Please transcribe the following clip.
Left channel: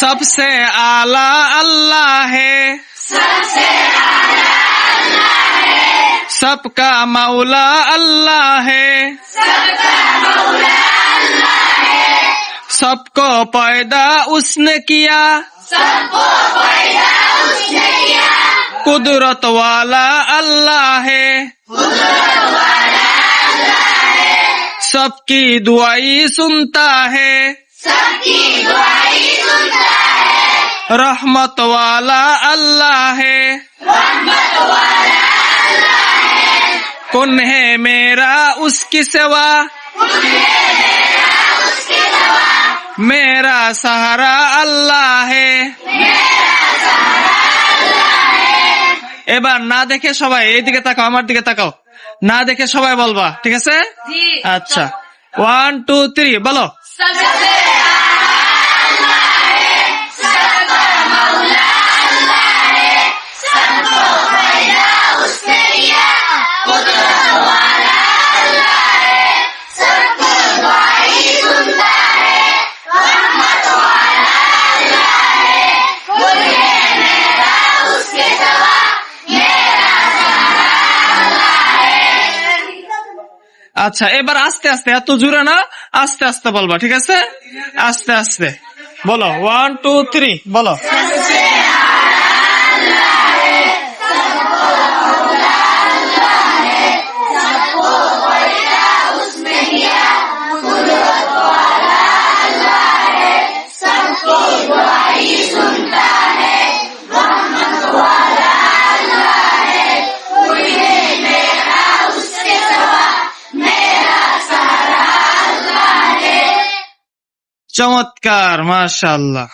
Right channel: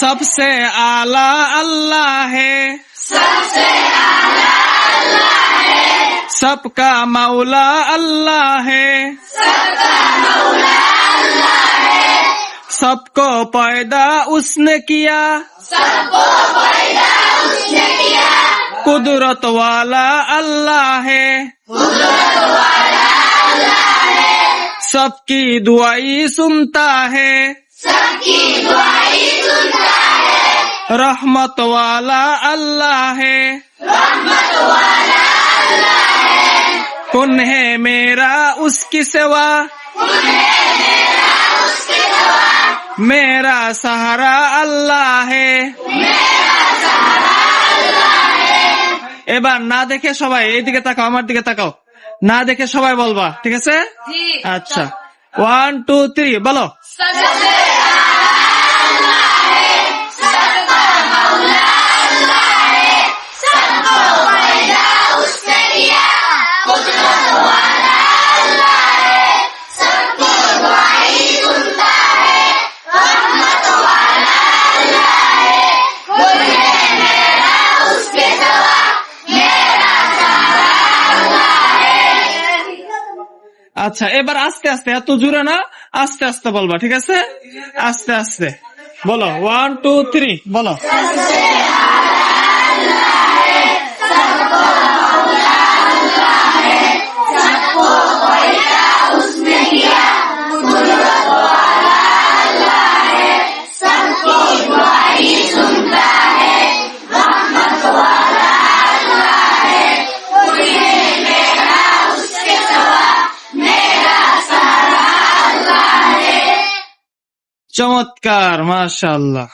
सबसे आला अल्लाह है, सबका मौला अल्लाह है, सबको पैदा उसने किया, कुदरत वाला अल्लाह है, सबकी दुआई सुनता है, रहमत वाला अल्लाह है, कौन है मेरा उसकी सिवा, मेरा सहारा अल्लाह है। এবার না দেখে সবাই এইদিকে তাকাও, আমার দিকে তাকাও, না দেখে সবাই বলবা, ঠিক আছে? আচ্ছা, 1 2 3 বলো। আচ্ছা, এবার আস্তে আস্তে, এত জোরে না, আস্তে আস্তে বলবা, ঠিক আছে? আস্তে আস্তে বলো, 1 2 3 বলো। চমৎকার, মাশাআল্লাহ।